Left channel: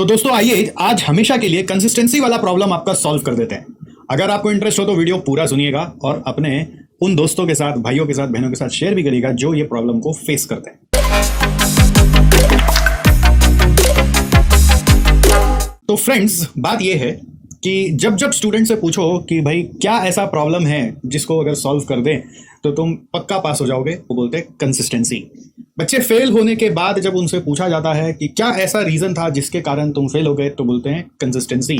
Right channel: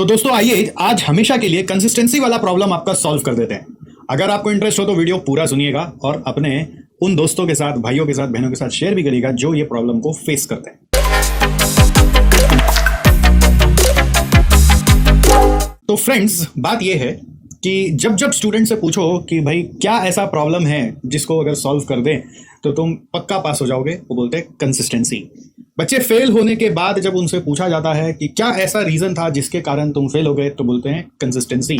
तो दोस्तों आइए आज हमेशा के लिए कंसिस्टेंसी वाला प्रॉब्लम आपका सॉल्व कर देते हैं। अगर आपको इंटरेस्ट हो तो वीडियो पूरा सुनिएगा और अपने उन दोस्तों के साथ, भाइयों के साथ, बहनों के साथ शेयर भी करिएगा जो ये प्रॉब्लम को फेस करते हैं। तो फ्रेंड्स, बात ये है कि जब जब स्टूडेंट से पूछो कि भाई क्या ऐसा प्रॉब्लम है जिसको अगर सॉल्व कर दें तो तुम पक्का पास हो जाओगे, वो बोलते हैं कंसिस्टेंसी। बच्चे फेल होने के बाद जब उनसे पूछा जाता है कि क्या ऐसा रीजन था जिसके कारण तुम फेल हो गए, तो बोलते हैं कंसिस्टेंसी।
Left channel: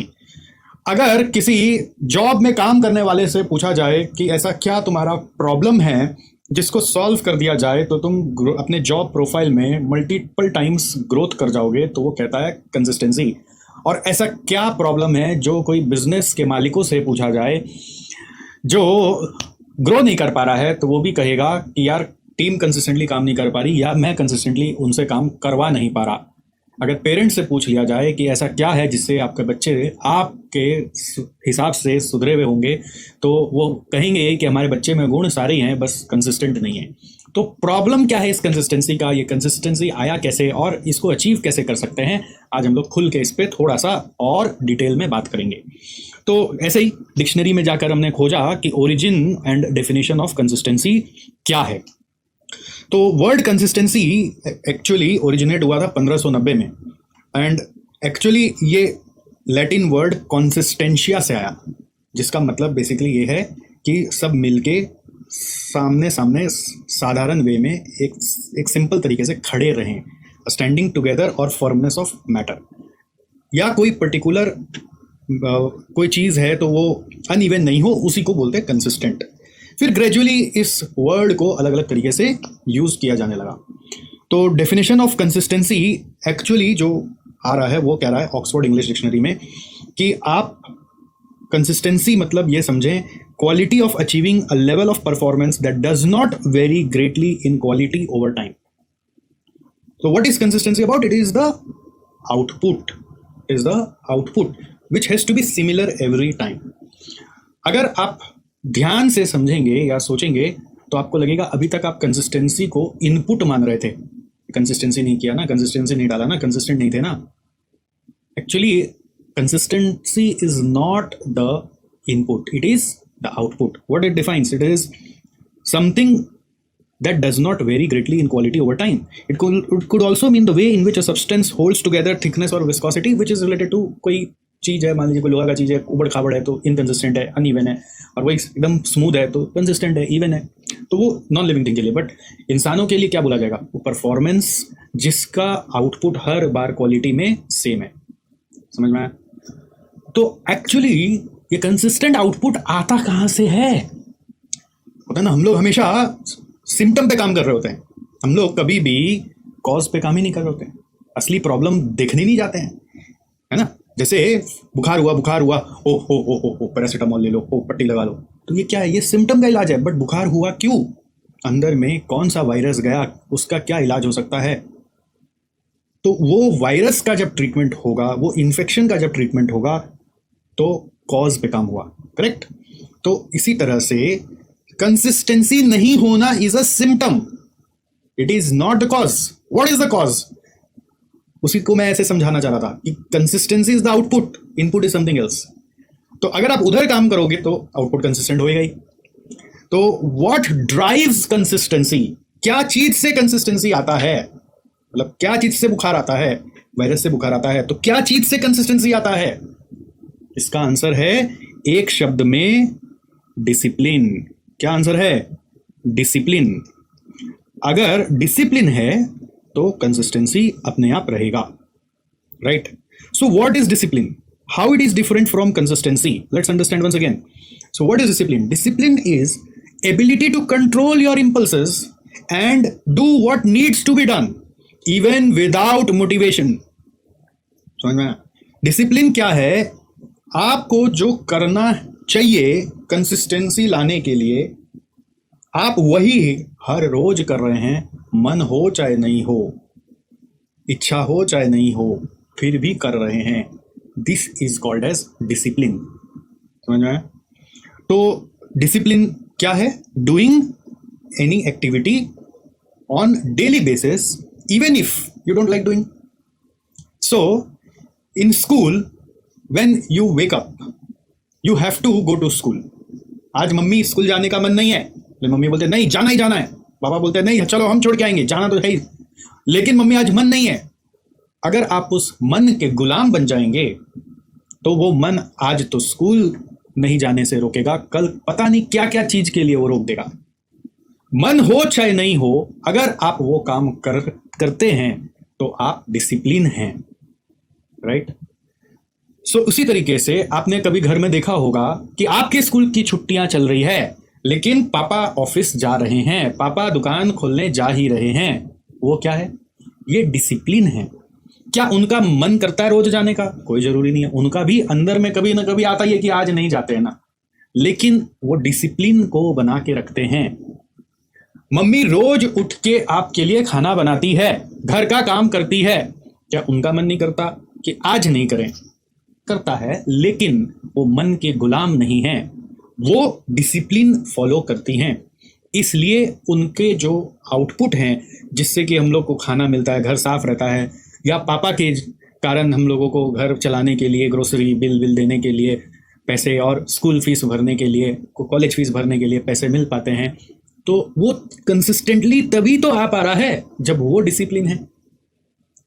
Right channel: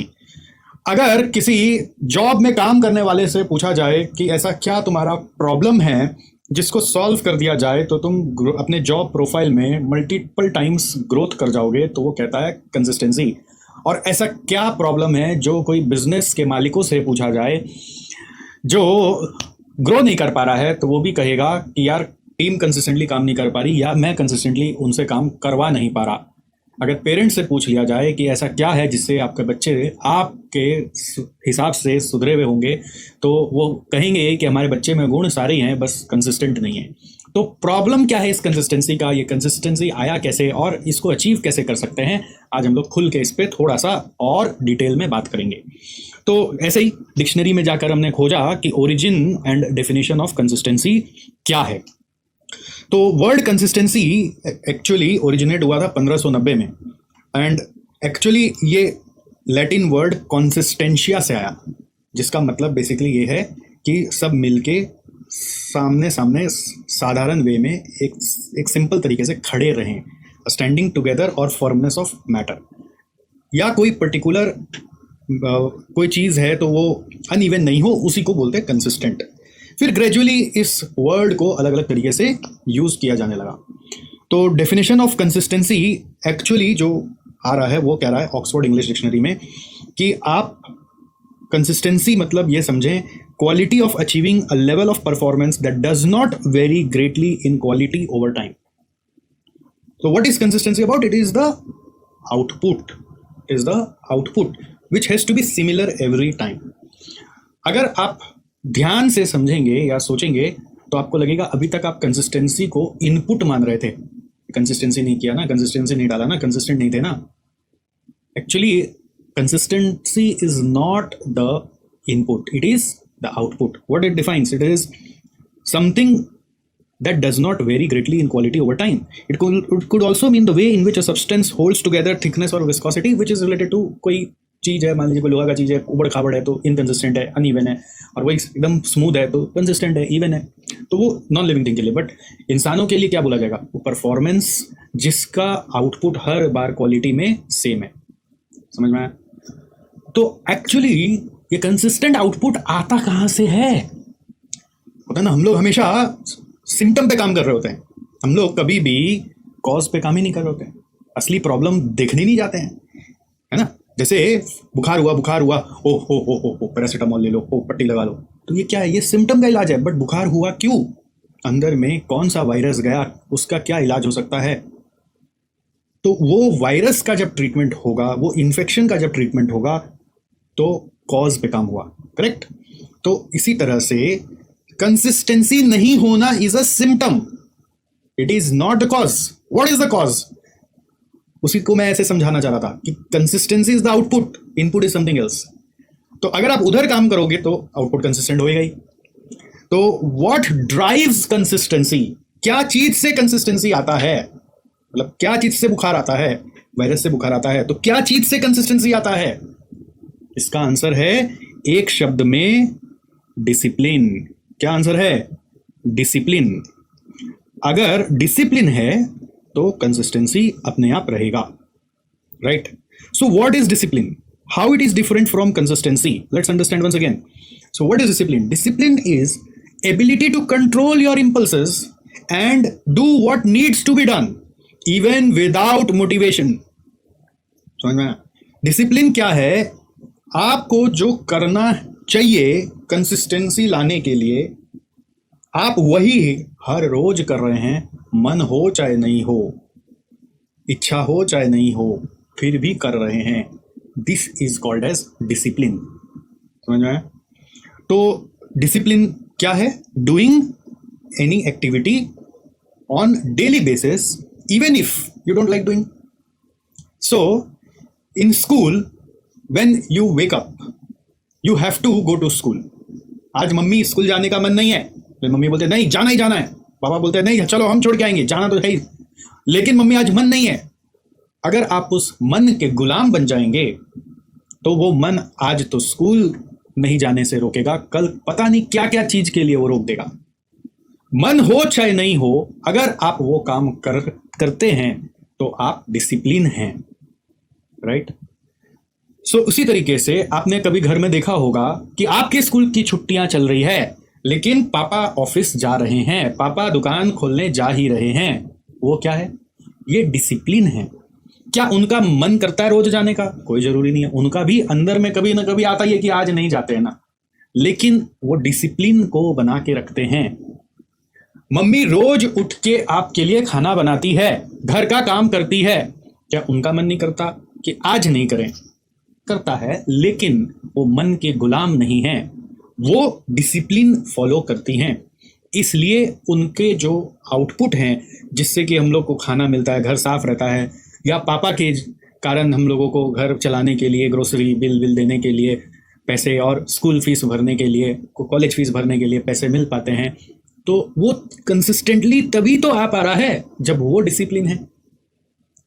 अगर किसी जॉब में काम करने वाले से पूछा जाए कि ऐसा क्या तुम्हारा प्रॉब्लम है जिसको सॉल्व कर दिया जाए तो तुम अपने जॉब प्रोफाइल में मल्टीपल टाइम्स ग्रोथ कर जाओगे, तो वो कहता है कंसिस्टेंसी। और ऐसा क्या प्रॉब्लम है जो कोई बिजनेस के मालिकों से पूछा जाए जो ग्रो नहीं कर पा रहा है, तो वो भी कहेगा कि यार टीम कंसिस्टेंटली काम नहीं कर पा रही या मैं कंसिस्टेंटली उनसे काम करवा नहीं पा रहा। अगर पेरेंट्स से पूछ लिया जाए कि ऐसा क्या है जिससे आपके बच्चे आपके हिसाब से सुधरे हुए होंगे, तो वो कहेंगे कि हमारे बच्चे में गुण सारे हैं, बस कंसिस्टेंट नहीं है। तो प्रॉब्लम क्या है इस कंसिस्टेंसी का, ये कंसिस्टेंसी आया कैसे और इसको अचीव कैसे कर सकते हैं, आज हम लोग खुल के इस पे थोड़ा सा और डिटेल में बात करेंगे। तो ऐसे ही डिक्शनरी में जाकर हमने खोजा कि origin and definition of consistency क्या है। तो वर्ड कंसिस्टेंसी एक्चुअली ओरिजिनेट हुआ था 1590 में, एंड एक्चुअली ये लैटिन वर्ड कॉन्सिस्टेंशिया से आया, जिसका मतलब बेसिकली ये है कि सब मिलके सामने सामने साधारण वे में एक सिंपल तरीके से खड़े रहें, स्टैंडिंग टुगेदर और फर्मनेस ऑफ मैटर। या कोई पर्टिकुलर कोई चीज है तो वो अनइवन नहीं हो, उसी को बोलते हैं कंसिस्टेंट। फिर ग्रेजुअली इस वर्ड को अलग अलग तरीके से यूज किया जाने लगा। तो डेफिनेशन ऑफ कंसिस्टेंसी एक्चुअली जो आ रहा है वो कह रहा है ऑक्सफोर्ड इंग्लिश डिक्शनरी में कि आप कंसिस्टेंसी मतलब ये समझें quality of achieving a level of performance that does not very greatly in quality over time. So what is consistency about? It is the output. It is the output which has to be similar every time. अगर आप ध्यान से समझेंगे या सोचेंगे तो आपको लगेगा अभी तक आप कंसिस्टेंसी को इनपुट मान रहे थे। कंसिस्टेंसी नहीं किया ना, कंसिस्टेंसी नहीं डाला ना, कंसिस्टेंट नहीं थे ना। Actually consistency is not the input, it is the output. What it defines? It is something that does not vary greatly in quality over time. It could also mean the way in which a substance holds together thickness or viscosity, which is related to कोई चीज है, मान लीजिए कोई लोहा का चीज है, उबड़ खाबड़ है तो इनकंसिस्टेंट है, अनइवन है, और वो एकदम स्मूथ है तो कंसिस्टेंट है, इवन है। तो वो नॉन लिविंग थिंग के लिए, बट इंसानों के लिए क्या बोला जाएगा, वो परफॉर्मेंस जिसका आउटपुट हर बार क्वालिटी में सेम है। समझ में आया? तो एक्चुअली ये कंसिस्टेंट आउटपुट आता कहाँ से है? पता ना, हम लोग हमेशा सिम्टम पे काम कर रहे होते हैं, हम लोग कभी भी कॉज पे काम ही नहीं कर रहे होते हैं, असली प्रॉब्लम देखने नहीं जाते हैं, है ना। जैसे बुखार हुआ, ओ पैरासिटामोल ले लो, ओ पट्टी लगा लो, तो ये क्या है, ये सिम्टम का इलाज है। बट बुखार हुआ क्यों, अंदर में कौन सा वायरस गया, उसका क्या इलाज हो सकता है? तो वो वायरस का जब ट्रीटमेंट होगा, वो इन्फेक्शन का जब ट्रीटमेंट होगा, तो कॉज पे काम हुआ, करेक्ट। तो इसी तरह से कंसिस्टेंसी नहीं होना is a symptom, it is not the cause. What is the cause? उसी को मैं ऐसे समझाना चाहता था कि consistency is the output, input is something else. तो अगर आप उधर काम करोगे तो आउटपुट कंसिस्टेंट होएगा ही। तो व्हाट ड्राइव्स कंसिस्टेंसी? क्या चीज से कंसिस्टेंसी आता है, मतलब क्या चीज से बुखार आता है? वायरस से बुखार आता है, तो क्या चीज से कंसिस्टेंसी आता है? इसका आंसर है एक शब्द में डिसिप्लिन। क्या आंसर है? डिसिप्लिन। अगर डिसिप्लिन है तो कंसिस्टेंसी अपने आप रहेगा, right. So what is discipline, how it is different from consistency? Let's understand once again. So what is discipline? Discipline is ability to control your impulses and do what needs to be done even without motivation. समझ में? Discipline क्या है? आपको जो करना चाहिए consistency लाने के लिए, आप वही हर रोज कर रहे हैं, मन हो चाहे नहीं हो, इच्छा हो चाहे नहीं हो, फिर भी कर रहे हैं। This is called as discipline. समझ में आया? तो डिसिप्लिन क्या है? Doing any activity on daily basis even if you don't like doing. So in school when you wake up you have to go to school. आज mummy school जाने का मन नहीं है, तो मम्मी बोलते नहीं जाना ही जाना है, पापा बोलते हैं नहीं चलो हम छोड़ के आएंगे, जाना तो है ही, लेकिन मम्मी आज मन नहीं है। अगर आप उस मन के गुलाम बन जाएंगे तो वो मन आज तो स्कूल नहीं जाने से रोकेगा, कल पता नहीं क्या क्या चीज के लिए वो रोक देगा। मन हो चाहे नहीं हो, अगर आप वो काम करते हैं तो आप डिसिप्लिन हैं, राइट। सो उसी तरीके से आपने कभी घर में देखा होगा कि आपके स्कूल की छुट्टियां चल रही हैं, लेकिन पापा ऑफिस जा रहे हैं, पापा दुकान खोलने जा ही रहे हैं। वो क्या है? ये डिसिप्लिन है। क्या उनका मन करता है रोज जाने का? कोई जरूरी नहीं है, उनका भी अंदर में कभी ना कभी आता ही है कि आज नहीं जाते हैं ना, लेकिन वो डिसिप्लिन को बना के रखते हैं। मम्मी रोज उठ के आपके लिए खाना बनाती है, घर का काम करती है, क्या उनका मन नहीं करता कि आज नहीं करें? करता है, लेकिन वो मन के गुलाम नहीं है, वो डिसिप्लिन फॉलो करती हैं। इसलिए उनके जो आउटपुट हैं जिससे कि हम लोग को खाना मिलता है, घर साफ रहता है, या पापा के कारण हम लोगों को घर चलाने के लिए, ग्रोसरी बिल देने के लिए पैसे, और स्कूल फीस भरने के लिए, कॉलेज फीस भरने के लिए पैसे मिल पाते हैं, तो वो कंसिस्टेंटली तभी तो आ पा रहा है जब वो डिसिप्लिन है।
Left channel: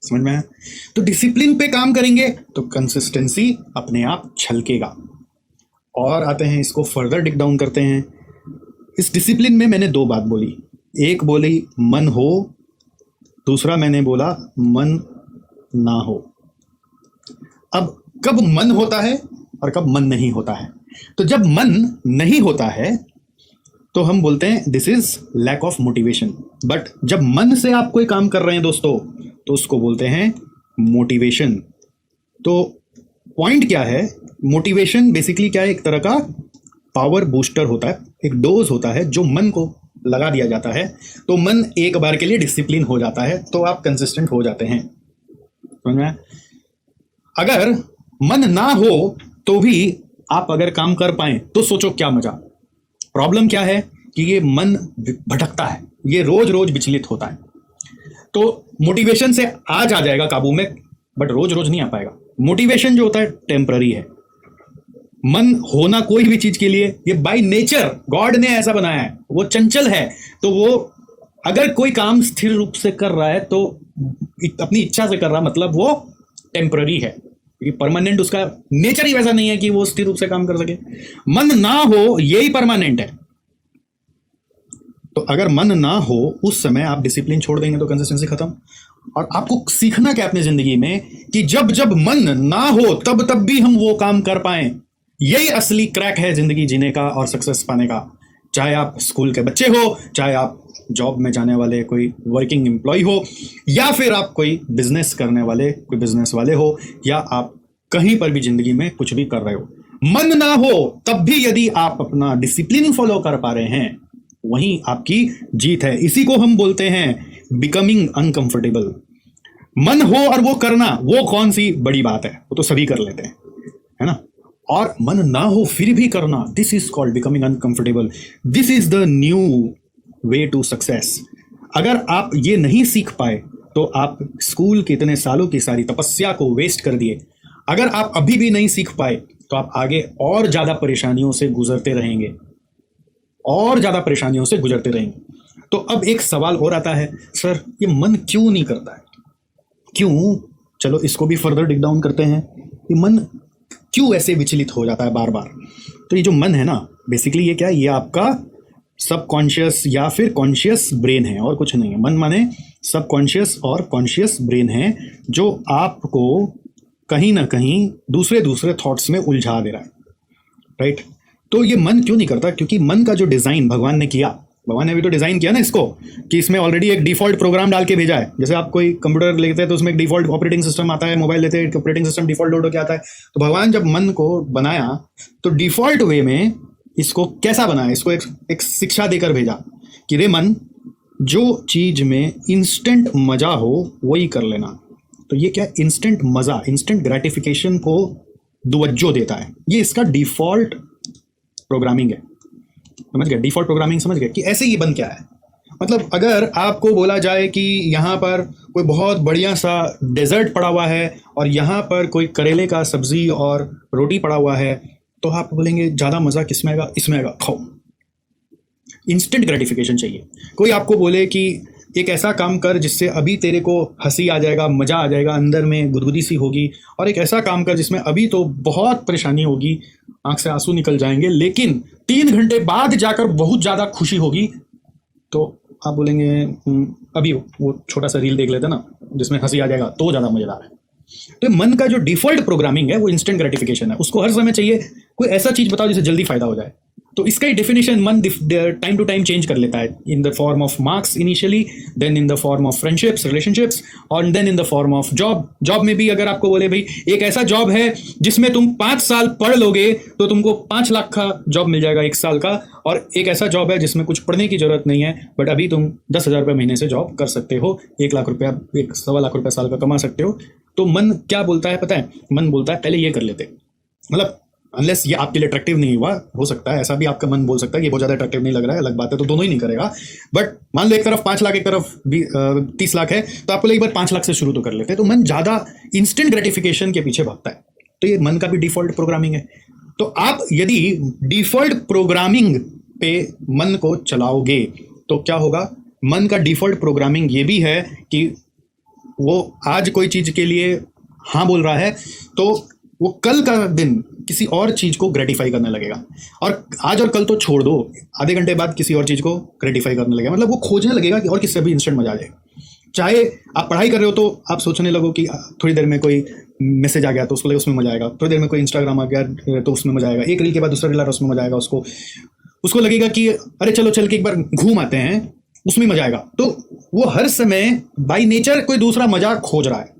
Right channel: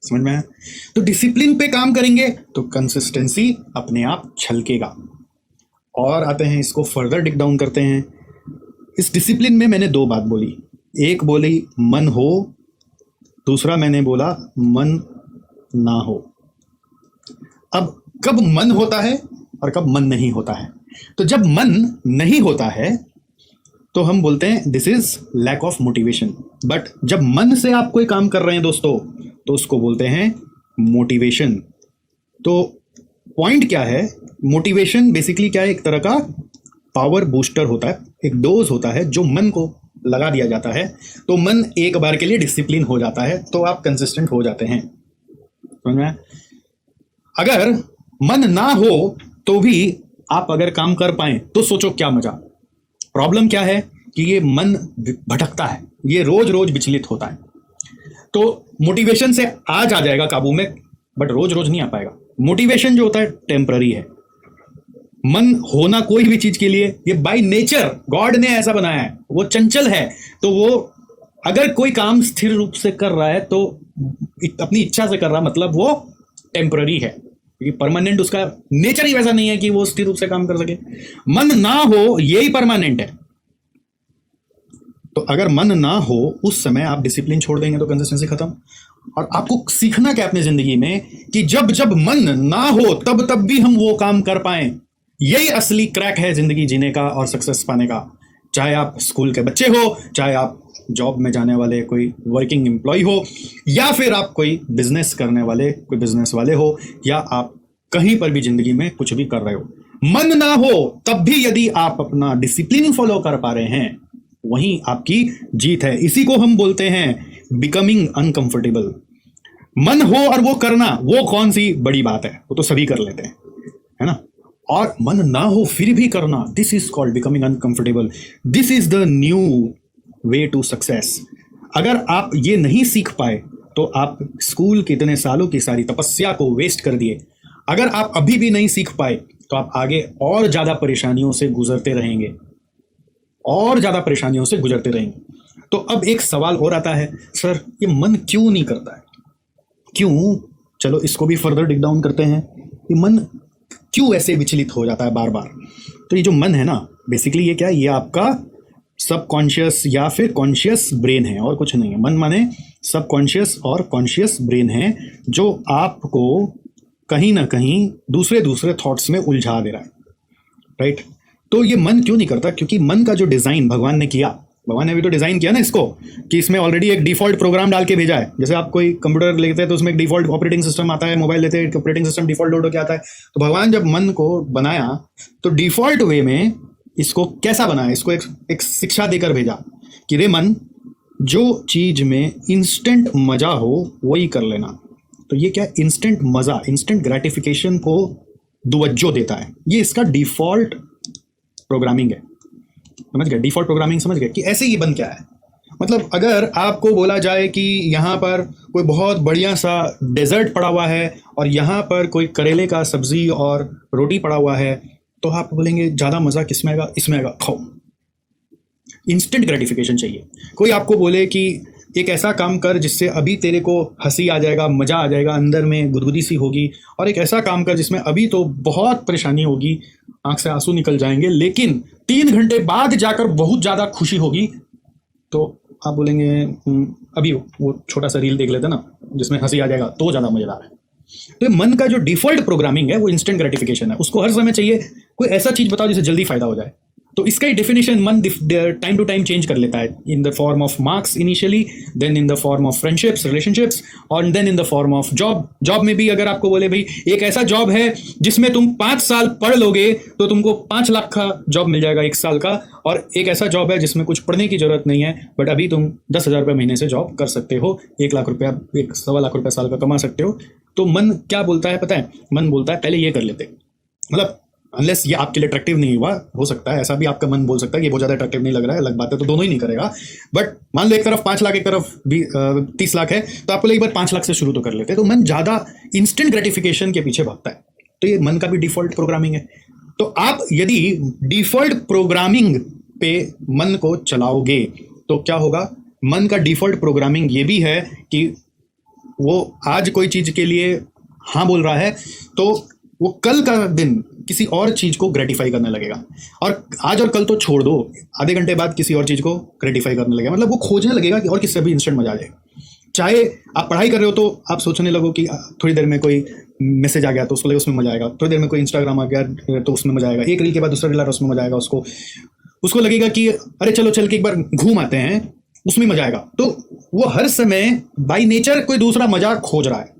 समझ में आया? तो डिसिप्लिन पे काम करेंगे तो कंसिस्टेंसी अपने आप छलकेगा। और आते हैं इसको फर्दर डिक डाउन करते हैं। इस डिसिप्लिन में मैंने दो बात बोली, एक बोली मन हो, दूसरा मैंने बोला मन ना हो। अब कब मन होता है और कब मन नहीं होता है? तो जब मन नहीं होता है तो हम बोलते हैं this is lack of motivation. But जब मन से आप कोई काम कर रहे हैं दोस्तों, तो उसको बोलते हैं मोटिवेशन। तो पॉइंट क्या है? मोटिवेशन बेसिकली क्या है? एक तरह का पावर बूस्टर होता है, एक डोज होता है जो मन को लगा दिया जाता है, तो मन एक बार के लिए डिसिप्लिन हो जाता है, तो आप कंसिस्टेंट हो जाते हैं। समझ में? अगर मन ना हो तो भी आप अगर काम कर पाए तो सोचो क्या मजा। प्रॉब्लम क्या है कि ये मन भटकता है, ये रोज रोज विचलित होता है। तो मोटिवेशन से आज आ जाएगा काबू में, बट रोज रोज नहीं आ पाएगा। मोटिवेशन जो होता है टेम्पररी है। मन होना कोई भी चीज के लिए, ये बाय नेचर गॉड ने ऐसा बनाया है, वो चंचल है। तो वो अगर कोई काम स्थिर रूप से कर रहा है तो अपनी इच्छा से कर रहा, मतलब वो टेम्पररी है, क्योंकि परमानेंट उसका नेचर ही वैसा नहीं है कि वो स्थिर रूप से काम कर सके। मन ना हो यही परमानेंट है। तो अगर मन ना हो उस समय आप डिसिप्लिन छोड़ देंगे तो कंसिस्टेंसी खत्म। और आपको सीखना क्या अपनी जिंदगी में कि जब जब मन ना हो तब तब भी हम वो काम कर पाए। यही असली क्रैक है जिंदगी जीने का और सक्सेस पाने का। चाहे आप स्कूल के बच्चे हो, चाहे आप जॉब में जाने वाले कोई वर्किंग एम्प्लॉय हो, या फिर आप कोई बिजनेस करने वाले कोई बिजनेस वाले हो, या आप कहीं पर भी जिंदगी में कुछ भी कर रहे हो, मन ना हो तब भी यदि आप अपना डिसिप्लिन फॉलो कर पा रहे हैं, वही आपकी जीत है। इसी को हम बोलते हैं बिकमिंग अनकंफर्टेबल। मन हो और वो करना, वो कौन सी बड़ी बात है, वो तो सभी कर लेते हैं, है ना। और मन ना हो फिर भी करना, this is called becoming uncomfortable. This is the new way to success. अगर आप ये नहीं सीख पाए तो आप स्कूल के इतने सालों की सारी तपस्या को वेस्ट कर दिए। अगर आप अभी भी नहीं सीख पाए तो आप आगे और ज्यादा परेशानियों से गुजरते रहेंगे, और ज्यादा परेशानियों से गुजरते रहेंगे। तो अब एक सवाल हो रहा है, सर ये मन क्यों नहीं करता है, क्यों? चलो इसको भी फर्दर डिग डाउन करते हैं। ये मन क्यों ऐसे विचलित हो जाता है बार बार? तो ये जो मन है ना, बेसिकली ये क्या है? ये आपका सबकॉन्शियस या फिर कॉन्शियस ब्रेन है, और कुछ नहीं है। मन माने सबकॉन्शियस और कॉन्शियस ब्रेन है, जो आपको कहीं ना कहीं दूसरे दूसरे थॉट्स में उलझा दे रहा है, राइट। तो ये मन क्यों नहीं करता? क्योंकि मन का जो डिजाइन भगवान ने किया, भगवान ने भी तो डिजाइन किया ना इसको, कि इसमें ऑलरेडी एक डिफॉल्ट प्रोग्राम डाल के भेजा है। जैसे आप कोई कंप्यूटर लेते हैं तो उसमें एक डिफॉल्ट ऑपरेटिंग सिस्टम आता है, मोबाइल लेते हैं ऑपरेटिंग सिस्टम डिफॉल्ट लोड होकर आता है। तो भगवान जब मन को बनाया तो डिफॉल्ट वे में इसको कैसा बनाया? इसको एक शिक्षा देकर भेजा कि रे मन, जो चीज में इंस्टेंट मजा हो वही कर लेना। तो ये क्या? इंस्टेंट मजा, इंस्टेंट ग्रेटिफिकेशन को तवज्जो देता है। ये इसका डिफॉल्ट प्रोग्रामिंग है, समझ गए? डिफॉल्ट प्रोग्रामिंग समझ गए कि ऐसे ही बन क्या है। मतलब अगर आपको बोला जाए कि यहाँ पर कोई बहुत बढ़िया सा डेजर्ट पड़ा हुआ है और यहाँ पर कोई करेले का सब्जी और रोटी पड़ा हुआ है, तो आप बोलेंगे ज़्यादा मज़ा किस में आएगा? इसमें आएगा। खाओ। इंस्टेंट ग्रेटिफिकेशन चाहिए। कोई आपको बोले कि एक ऐसा काम कर जिससे अभी तेरे को हंसी आ जाएगा, मज़ा आ जाएगा, अंदर में गुदगुदी सी होगी, और एक ऐसा काम कर जिसमें अभी तो बहुत परेशानी होगी, आंख से आंसू निकल जाएंगे, लेकिन 3 घंटे बाद जाकर बहुत ज़्यादा खुशी होगी, तो आप बोलेंगे अभी वो छोटा सा रील देख लेते ना जिसमें हंसी आ जाएगा, तो ज़्यादा मज़ेदार है। तो मन का जो डिफॉल्ट प्रोग्रामिंग है वो इंस्टेंट ग्रेटिफिकेशन है। उसको हर समय चाहिए कोई ऐसा चीज बताओ जिससे जल्दी फायदा हो जाए। तो इसका ही डेफिनेशन मन टाइम टू टाइम चेंज कर लेता है, in the form of marks initially, then in the form of friendships, relationships, और then in the form of job. Job में भी अगर आपको बोले भाई एक ऐसा जॉब है जिसमें तुम 5 साल पढ़ लोगे तो तुमको 5 लाख का जॉब मिल जाएगा 1 साल का, और एक ऐसा जॉब है जिसमें कुछ पढ़ने की जरूरत नहीं है, बट अभी तुम 10,000 रुपये महीने से जॉब कर सकते हो, 1 लाख रुपया, 1.25 लाख रुपया साल का कमा सकते हो। तो मन क्या बोलता है पता है? मन बोलता है पहले ये कर लेते। मतलब अनलेस ये आपके लिए अट्रैक्टिव नहीं हुआ, हो सकता है ऐसा भी आपका मन बोल सकता है कि बहुत ज्यादा अट्रैक्टिव नहीं लग रहा है, अलग बात है, तो दोनों ही नहीं करेगा। बट मान लो एक तरफ 5 लाख, एक तरफ 30 लाख है, तो आपको एक बार 5 लाख से शुरू तो कर लेते। तो मन ज्यादा इंस्टेंट ग्रेटिफिकेशन के पीछे भागता है। तो ये मन का भी डिफॉल्ट प्रोग्रामिंग है। तो आप यदि डिफॉल्ट प्रोग्रामिंग पे मन को चलाओगे तो क्या होगा? मन का डिफॉल्ट प्रोग्रामिंग ये भी है कि वो आज कोई चीज के लिए हाँ बोल रहा है तो वो कल का दिन किसी और चीज को ग्रेटिफाई करने लगेगा, और आज और कल तो छोड़ दो, आधे घंटे बाद किसी और चीज को ग्रेटिफाई करने लगेगा। मतलब वो खोजने लगेगा कि और किससे भी इंस्टेंट मजा आ जाए। चाहे आप पढ़ाई कर रहे हो तो आप सोचने लगो कि थोड़ी देर में कोई मैसेज आ गया तो उसमें मजा आएगा, थोड़ी देर में कोई इंस्टाग्राम आ गया तो उसमें मजा आएगा, एक रील के बाद दूसरा रील आ रहा उसमें मजा आएगा। उसको लगेगा कि अरे चलो चल के एक बार घूम आते हैं, उसमें मजा आएगा। तो वो हर समय बाय नेचर कोई दूसरा मजा खोज रहा है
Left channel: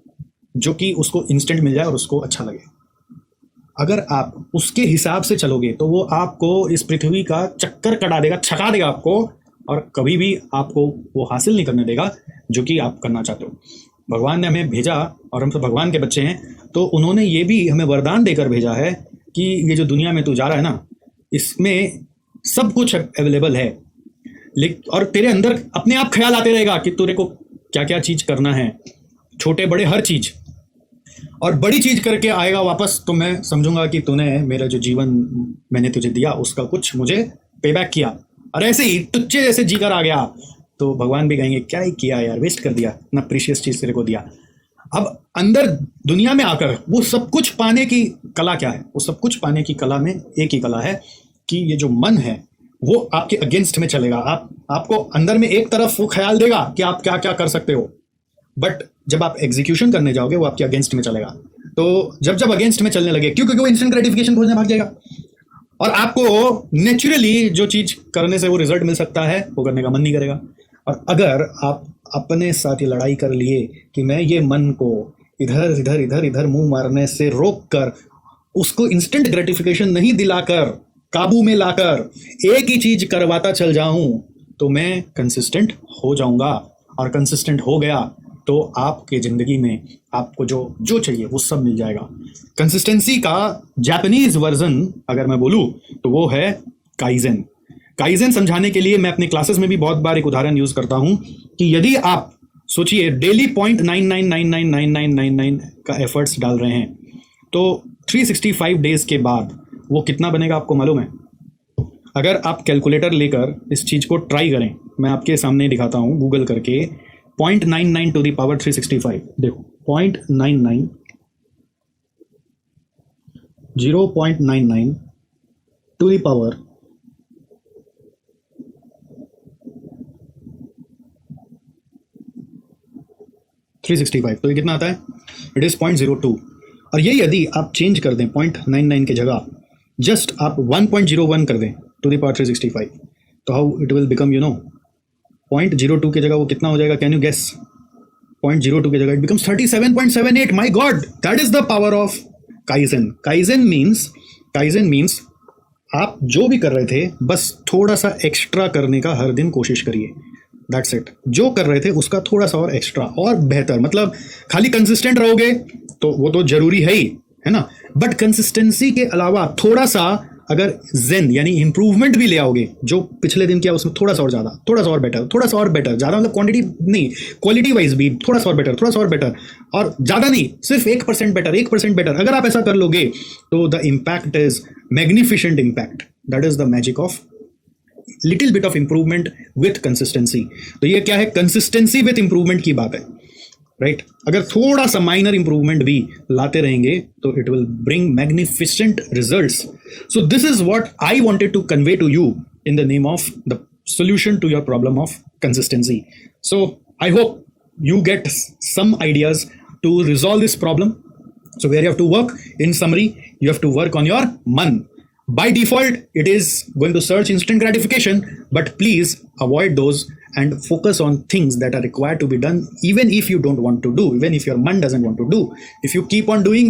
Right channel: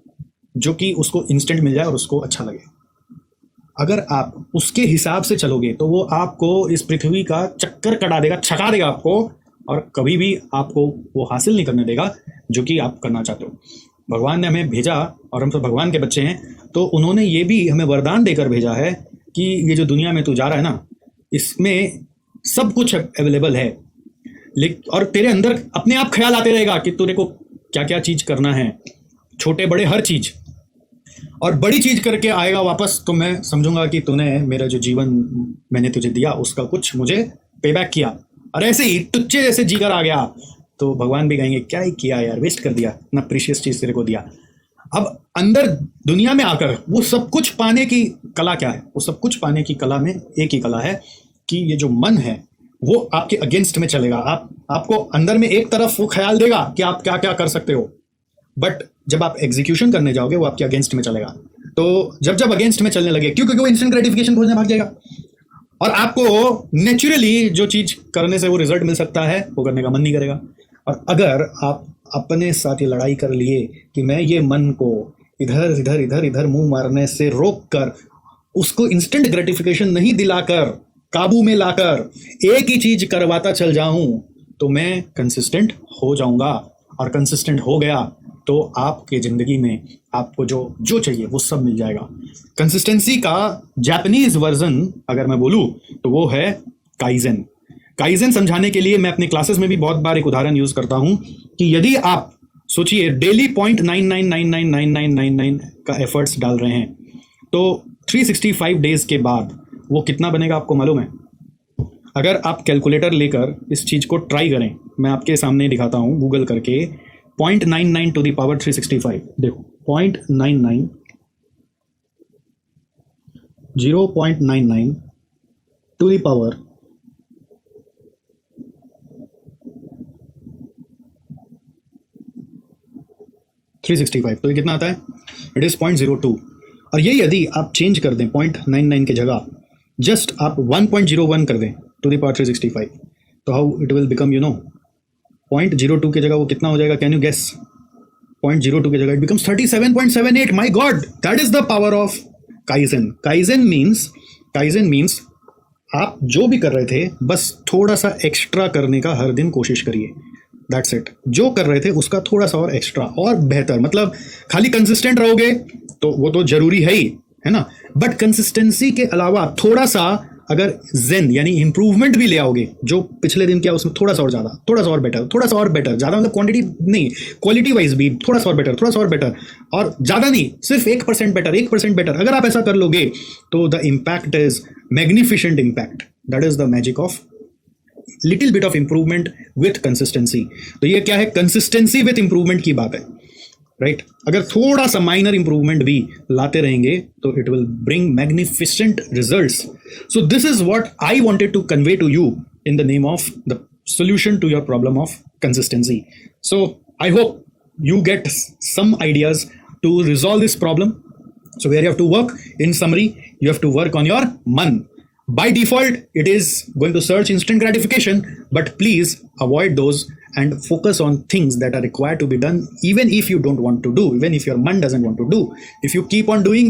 जो कि उसको इंस्टेंट मिल जाए और उसको अच्छा लगे। अगर आप उसके हिसाब से चलोगे तो वो आपको इस पृथ्वी का चक्कर कटा देगा, छका देगा आपको, और कभी भी आपको वो हासिल नहीं करने देगा जो कि आप करना चाहते हो। भगवान ने हमें भेजा और हम तो भगवान के बच्चे हैं, तो उन्होंने ये भी हमें वरदान देकर भेजा है कि ये जो दुनिया में तू जा रहा है ना, इसमें सब कुछ अवेलेबल है, लेकिन और तेरे अंदर अपने आप ख्याल आते रहेगा कि तेरे को क्या क्या चीज करना है, छोटे बड़े हर चीज, और बड़ी चीज करके आएगा वापस तो मैं समझूंगा कि तूने मेरा जो जीवन मैंने तुझे दिया उसका कुछ मुझे पेबैक किया। और ऐसे ही तुच्चे जैसे जीकर आ गया तो भगवान भी कहेंगे क्या ही किया यार, वेस्ट कर दिया, इतना प्रीशियस चीज तेरे को दिया। अब अंदर दुनिया में आकर वो सब कुछ पाने की कला क्या है? वो सब कुछ पाने की कला में एक ही कला है कि ये जो मन है वो आपके अगेंस्ट में चलेगा। आपको अंदर में एक तरफ वो ख्याल देगा कि आप क्या क्या कर सकते हो, बट जब आप एग्जीक्यूशन करने जाओगे वो आपके अगेंस्ट में चलेगा। तो जब अगेंस्ट में चलने लगे, क्योंकि वो इंस्टेंट ग्रेटिफिकेशन खोजने भाग जाएगा, और आपको नेचुरली जो चीज करने से वो रिजल्ट मिल सकता है वो करने का मन नहीं करेगा। और अगर आप अपने साथ ये लड़ाई कर ली कि मैं ये मन को इधर इधर इधर इधर मुंह मारने से रोक कर, उसको इंस्टेंट ग्रेटिफिकेशन नहीं दिलाकर, काबू में लाकर एक ही चीज करवाता चल जाऊं, तो मैं कंसिस्टेंट हो जाऊंगा। और कंसिस्टेंट हो गया तो आपके जिंदगी में आपको जो चाहिए वो सब मिल जाएगा। कंसिस्टेंसी का जापानीज वर्जन अगर मैं बोलूं तो वो है काइजेन। काइजेन समझाने के लिए मैं अपनी क्लासेस में भी बहुत बार एक उदाहरण यूज करता हूं कि यदि आप सोचिए डेली 0.99999999 का एफर्ट्स डाल रहे हैं तो 365 डेज के बाद वो कितना बनेगा आपको मालूम है? अगर आप कैलकुलेटर लेकर इस चीज को ट्राई करें, मैं आपके सामने दिखाता हूं गूगल करके, 0.99 टू द पावर 365, देखो 0.99 0.99 टू द पावर 365, तो ये कितना आता है? It is 0.02। और ये यदि आप चेंज कर दें 0.99 की जगह जस्ट आप 1.01 कर दें टू द पावर 365, तो हाउ इट विल बिकम 0.02 की जगह वो कितना हो जाएगा? Can you guess? 0.02 की जगह it becomes 37.78। My God, that is the power of kaizen. Kaizen means आप जो भी कर रहे थे बस थोड़ा सा एक्स्ट्रा करने का हर दिन कोशिश करिए। That's it. जो कर रहे थे उसका थोड़ा सा और एक्स्ट्रा और बेहतर। मतलब खाली कंसिस्टेंट रहोगे तो वो तो जरूरी है ही, है ना, बट कंसिस्टेंसी के अलावा थोड़ा सा अगर जेन यानी इंप्रूवमेंट भी ले आओगे, जो पिछले दिन क्या उसमें थोड़ा सा और ज्यादा, थोड़ा सा और बेटर, थोड़ा सा और बेटर, ज्यादा मतलब क्वांटिटी नहीं, क्वालिटी वाइज भी थोड़ा सा और बेटर, थोड़ा सा और बेटर, और ज्यादा नहीं, सिर्फ 1% बेटर, 1% बेटर, अगर आप ऐसा कर लोगे तो the impact is magnificent impact. That is the magic of little bit of improvement with consistency. तो ये क्या है, कंसिस्टेंसी विथ इंप्रूवमेंट की बात है, राइट? अगर थोड़ा सा माइनर इंप्रूवमेंट भी लाते रहेंगे तो it will bring magnificent results. So this is what I wanted to convey to you in the name of the solution to your problem of consistency. So I hope you get some ideas to resolve this problem. So where you have to work, in summary, you have to work on your man. By default, it is going to search instant gratification, but please avoid those and focus on things that are required to be done, even if you don't want to do, even if your man doesn't want to do. If you keep on doing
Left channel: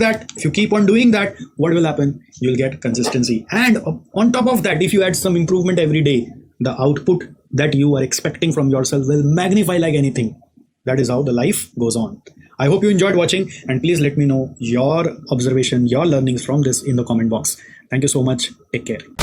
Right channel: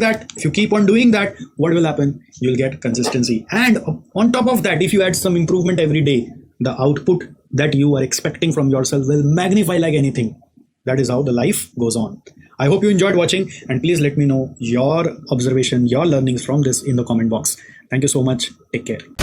that, what will happen? You'll get consistency. And on top of that, if you add some improvement every day, the output that you are expecting from yourself will magnify like anything. That is how the life goes on. I hope you enjoyed watching, and please let me know your observation, your learnings from this in the comment box. Thank you so much. Take care.